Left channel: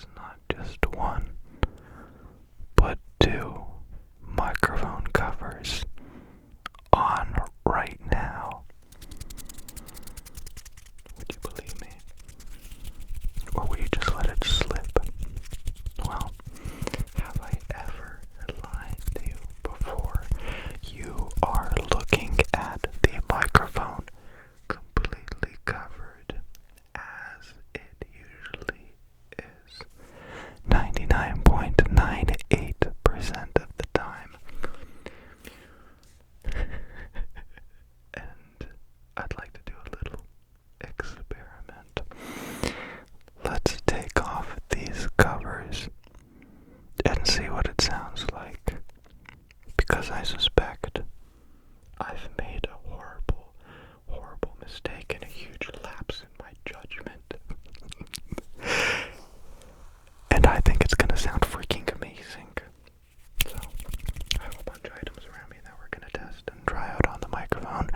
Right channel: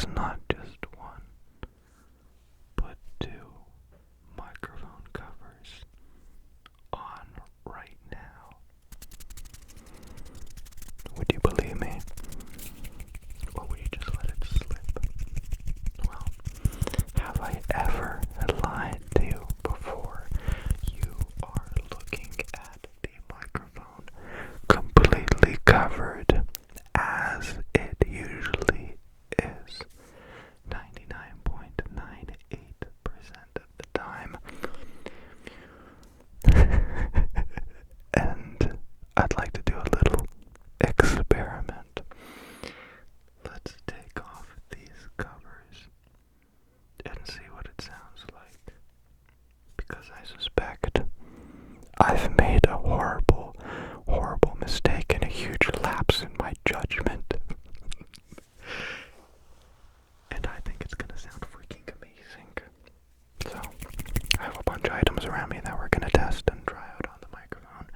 was not just one, but two microphone covers on right now. Would you believe me? Or would you just let it slip? Well, have I ever lied to you before? You are looking at the microphone completely covered, as it usually is 99.98% of the time. And I'd like to do a little experiment. Let's take off these covers and see what it sounds like. Because I suspect I've made a horrible mistake and a huge lapse in my judgment. And I think it's gonna sound freaking amazing. So, I have a bunch of items around me that we're gonna test and try out on the microphone.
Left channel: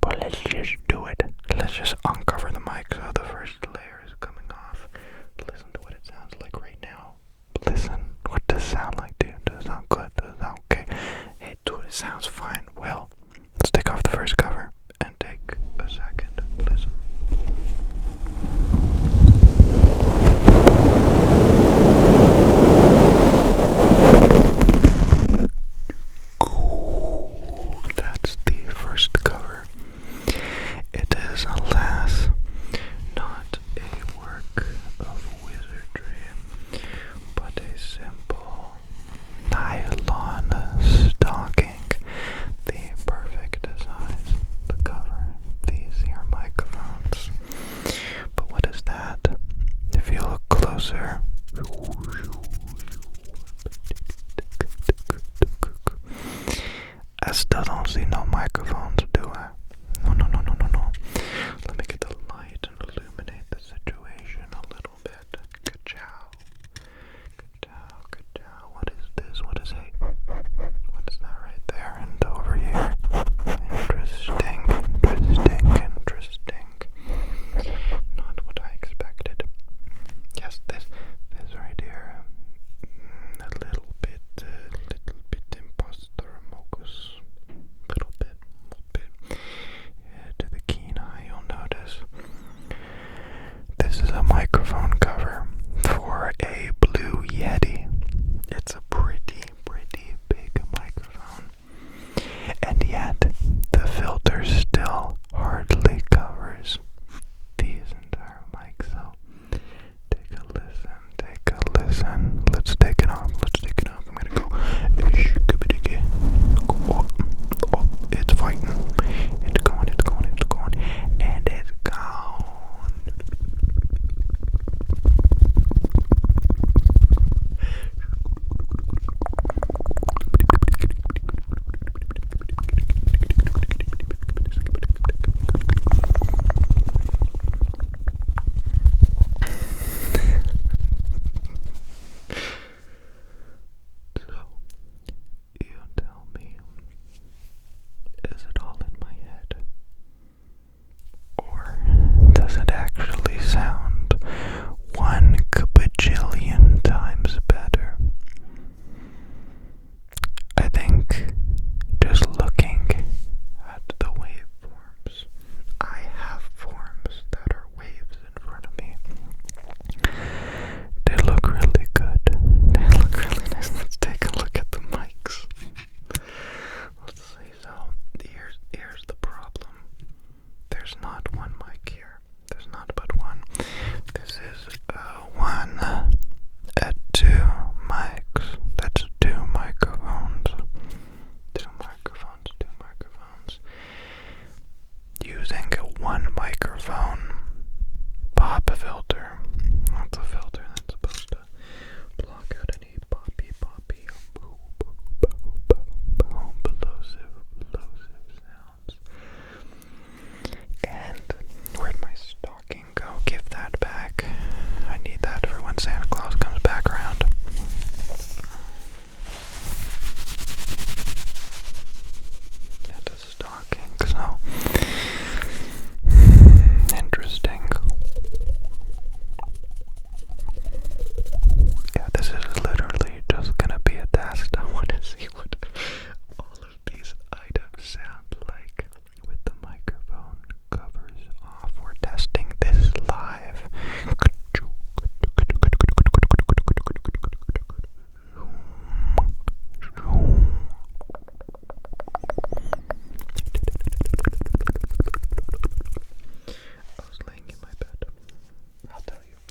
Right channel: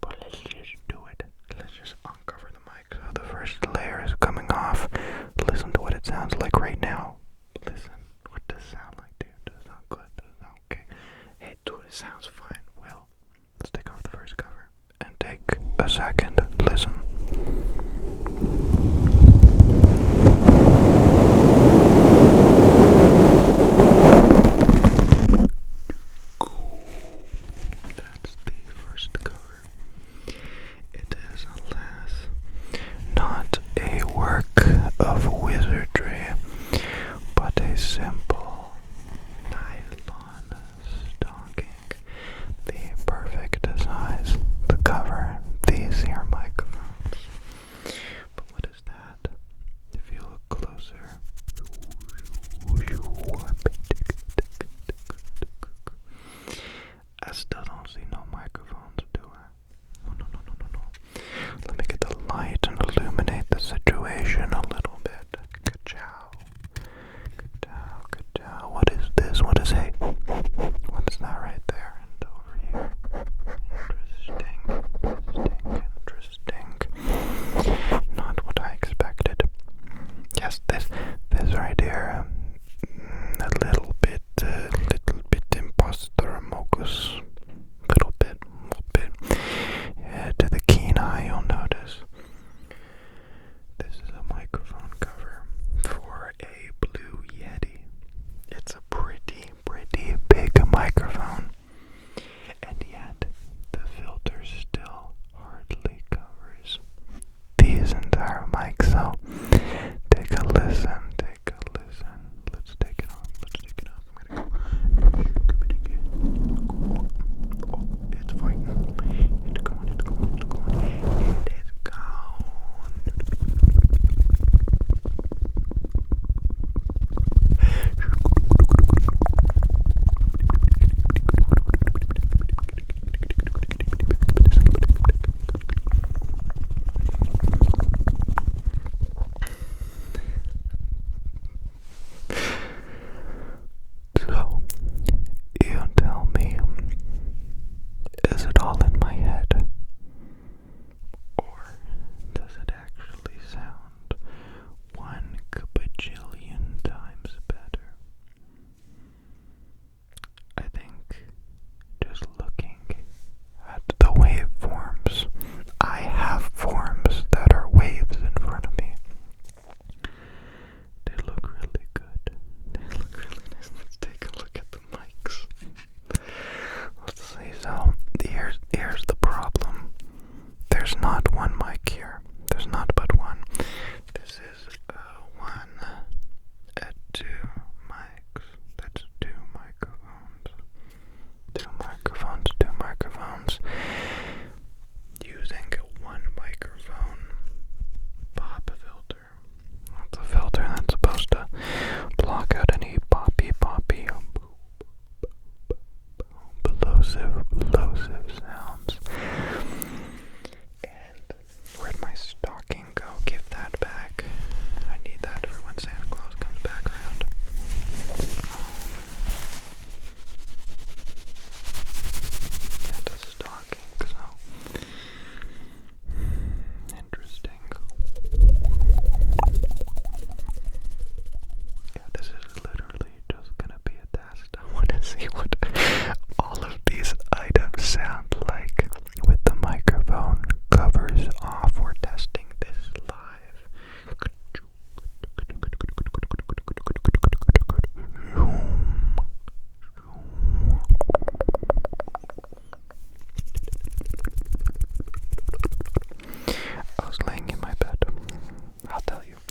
But let's just do it. Let's just uncover the mic. So the first layer is coming off. Listen to what it sounds like right now. Listen. What does it sound like, dude? Does it sound good? Does it sound okay? Hey, dude, it sounds fine. Well, let's take off the first cover and take a second. Listen. That's the first cover. It is, alas, not a work of wizardry, but a simple nylon stocking, the perfect size to cover these here microphones. But what is that? If you look closer, I still don't see no microphones, do I? No. Let me get the light and illuminate the situation a little bit. Ka-chow. What is this? What is it? What is that right there and over here? Interesting. Not what I expected. Yes, this right here. A little bit imposter mocus. Little bit. To the keen eye, you'll notice this is a microphone cover for a Blue Yeti. It's a pretty big microphone, and yet the filter still hardly covers these entire mics. So take a listen. Let's take it off. I'm gonna go. Oh, it's fighting. It's going. And it's gone. So, you tell me, is it all in my head? Or does it actually sound 1 bajillion times better? I think just looking at the waveforms, I have forms that are waves in front of me. They look really good. They look really nice. Let's take a look at the mics. Let's see. So here's the problem. There's not one mic here. There's not but one. This is one at 2 mics. That's 2 microphones. 2 microphones. Using a 1 microphone pop filter. That's a filter that's supposed to block out any poppy, plosive sounds. And where'd my stocking go? Give that back. I need that for when Santa Claus comes back around. Yeah, the stocking, so interesting.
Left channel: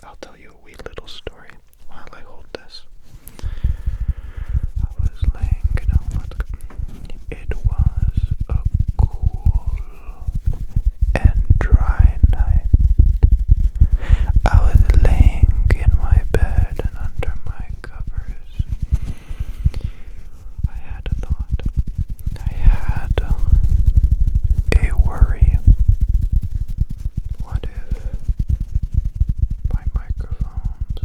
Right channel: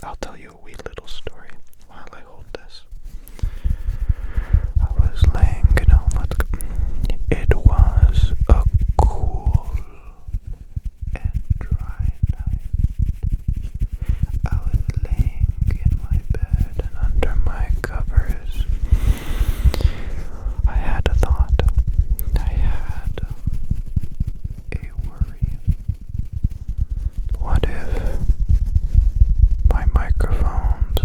I'll tell you a wee little story while I hold this. I was laying, it was a cool and dry night. I was laying in my bed and under my covers. I had a thought. I had a worry. What if my microphones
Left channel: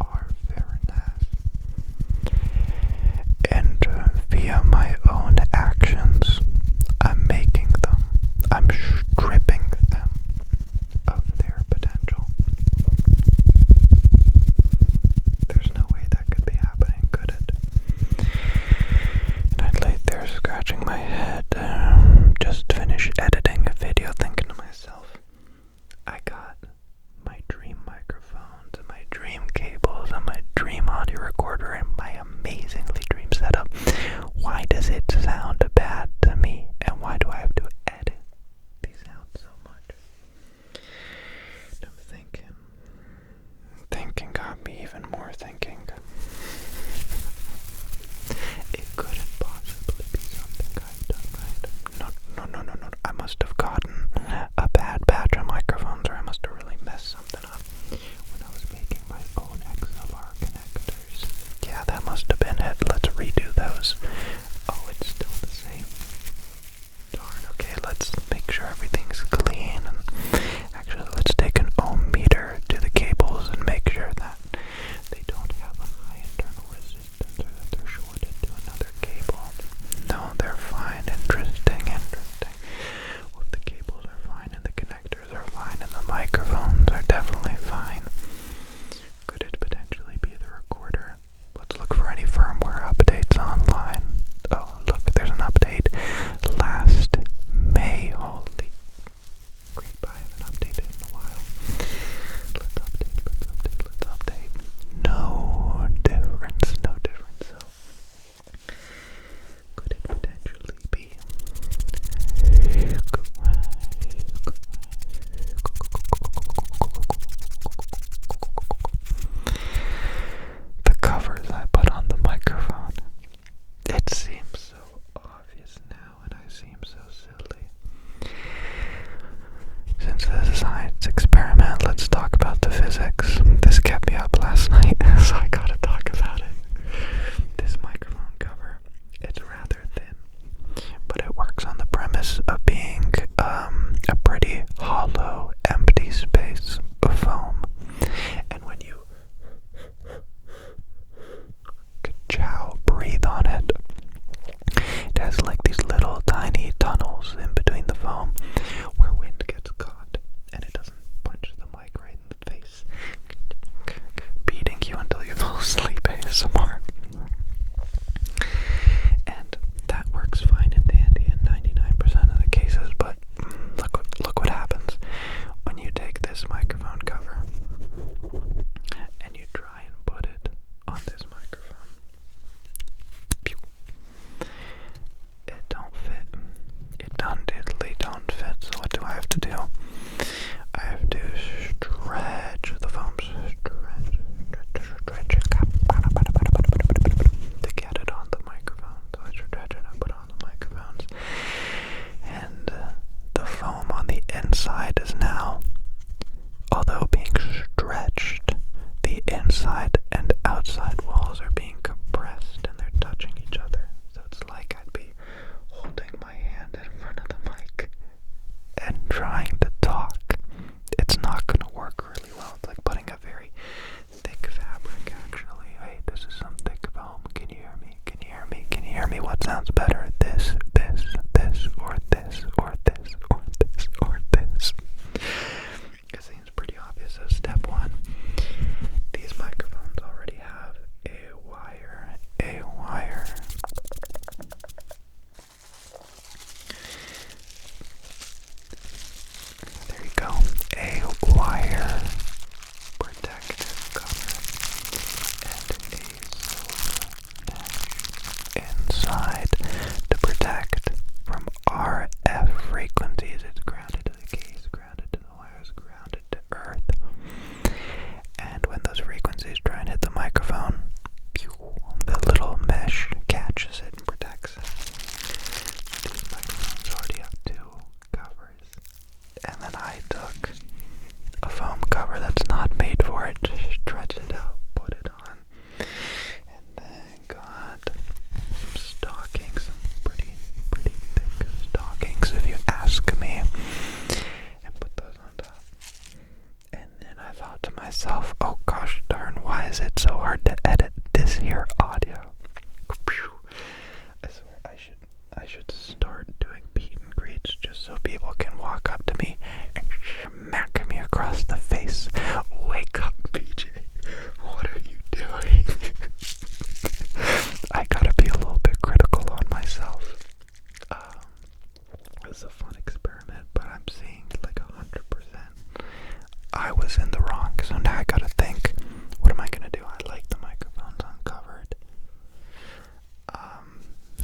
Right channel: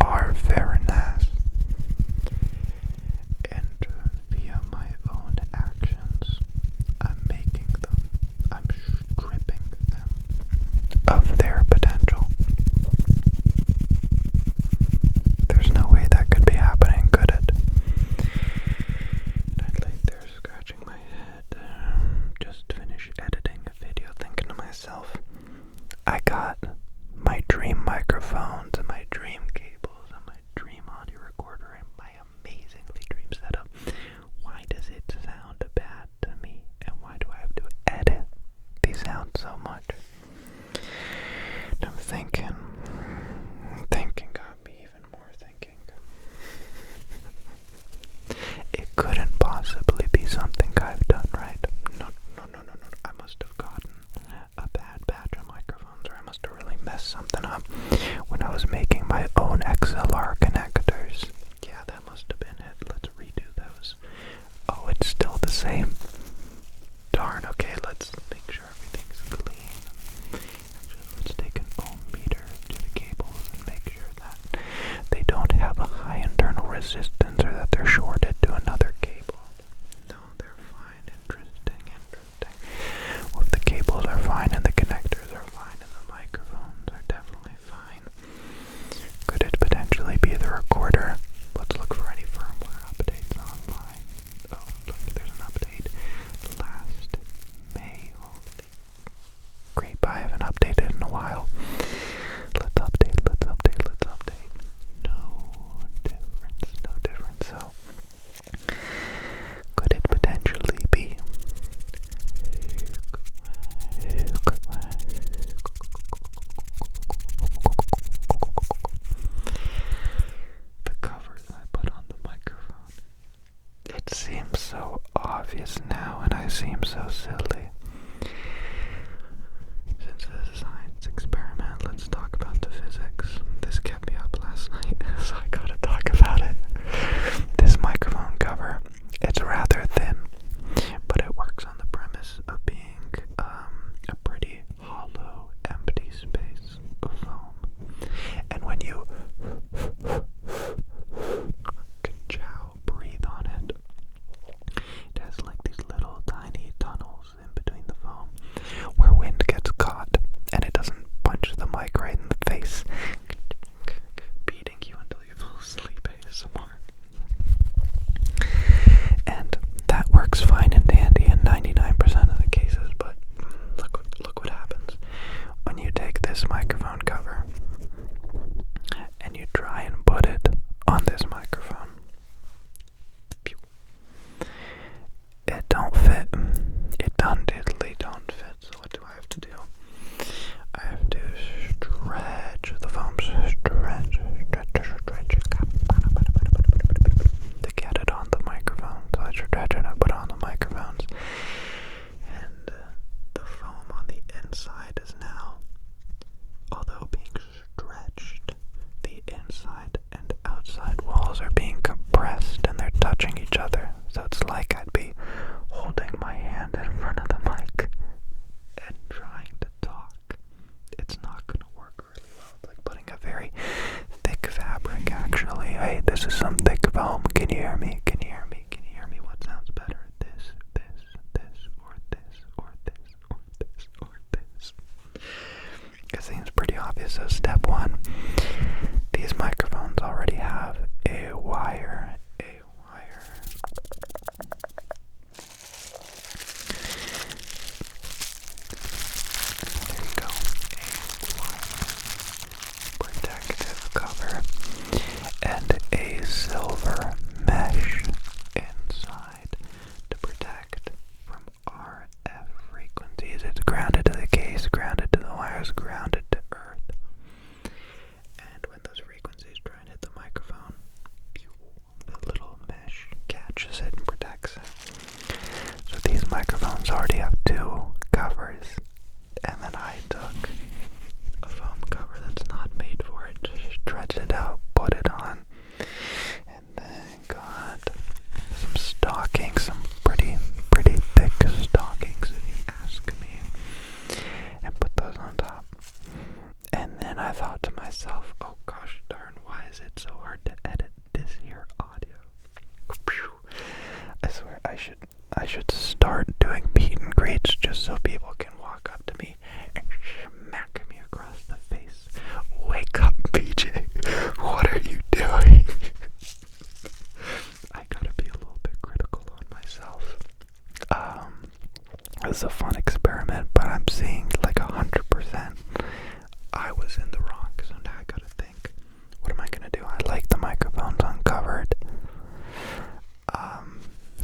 are very nice, and via my own actions, I'm making them, I'm stripping them of their potential? There's no way that could be happening, could it? And I laid there scratching my head, just finished editing a video, thinking to myself, I got my dream microphones and my dream cables and my dream audio recorder and my amazingly dream setup. Why does it sound bad to me? And why do I have to edit these sounds so much? And I'm thinking got me even more thinking. It couldn't possibly be something I've done, right? No. I must have gotten a bad batch of microphones, or I must have really messed something up when I was making my own XLR connectors. Yeah, that must have been it. Let's redo those. Oh, it's still the same. Darn, okay, let's make sure everything's clean. And actually, let's take an ohm meter to the cables and make sure that they don't have a high internal resistance or that they're shorted to another cable. No, they're fine. Interesting. Well, if the cables are fine and the connectors are fine and the microphones are definitely fine, could it potentially be the recorder? Let's look for any firmware updates online. Oh, look, there's an update last May. Holy creep, I haven't updated in a while. Let's update. No difference. So, could it potentially be the covers I put on the microphone? It seems so obvious now, and I seem so silly. Since this is a science experiment, let's talk about the physics. This kept me up last night, so I gotta talk about it. This microphone cover, it's rather thin, but it works on the premise of being a pretty hollow, empty space of foam. And when you breathe on it, it has like these little tiny tunnels in between the foam where wind gets caught and it doesn't punch the mic right in the face, beating you until you fall asleep ASMR. And that works fine and dandy in 99% of the cases, but look what happens when you take this microphone cover and you try and put it on this microphone. Pew. It don't fit. It diddly don't fit. So what do I have to do? I have to stretch the foam, stretch to get it on the microphone. So I stretch it and I put on the microphones, and the foam on the inside is now, although being stretched, the inside and outside walls are being compressed and they're touching each other. So it's like I'd be holding my hand in front of the mic and trying to talk. It's not going to work really well. It's like putting a very thick fabric, actually. Hey, this is some thick foam. Can you hear me? Can you hear me? Can you hear me? What sounds better? This, or this, or this, or this, or this. It seems pretty obvious. So step one, these microphones already have a wide is it so hard to edit this here audio? I swear I should start doing meet and greets just so people can walk up to me and smack me across the face. Wake up, PJ. What are you doing? I gotta be a little bit critical on myself. It's a fun experiment, but I'm seeing like 100% I was in the wrong. So now I gotta think, what am I gonna do? I like the microphones uncovered.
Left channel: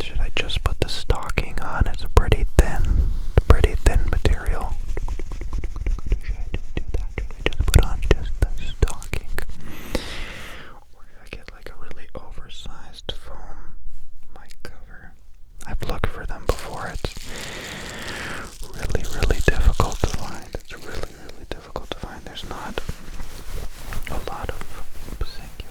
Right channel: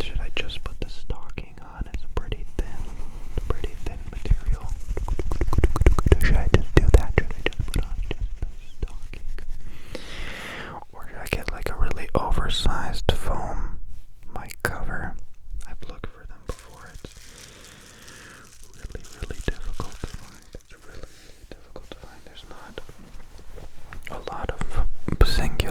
Should I just put the stocking on? It's a pretty thin material. Should I just do that? Should I just put on just the stocking? Or should I get like a really oversized foam mic cover? I've looked for them before. It's really difficult to find. It's really difficult to find. There's not a lot of singular